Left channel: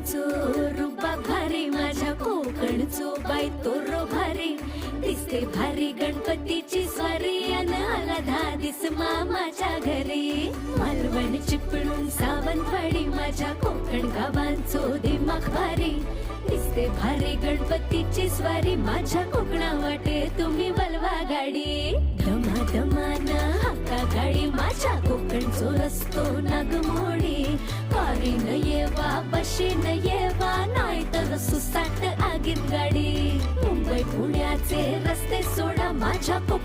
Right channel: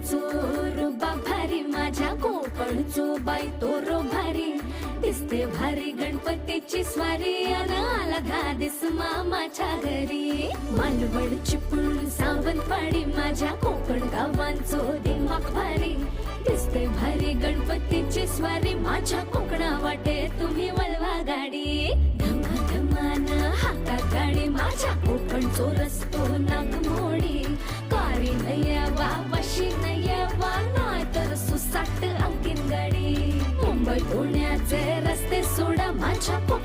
कोकणचो रुबा भारी माझ्या कोकणचो बाई तो रो भारी. दिसते भारी गणपतीची स्वारी अन आला धादिस मामाच्या घरी. मालवण चिपळूण सावंतवाडी माझ्या कोकण गावांचो दिमाग भारी दिसते भारी गणपतीची स्वारी माझ्या कोकणा वाटे तुम्ही वलवा गाडी. धमा धमान हाका गाडी माझ्या कोकणचो रस्तो नागमोडी. कारी नये बाबा आगीन गाडी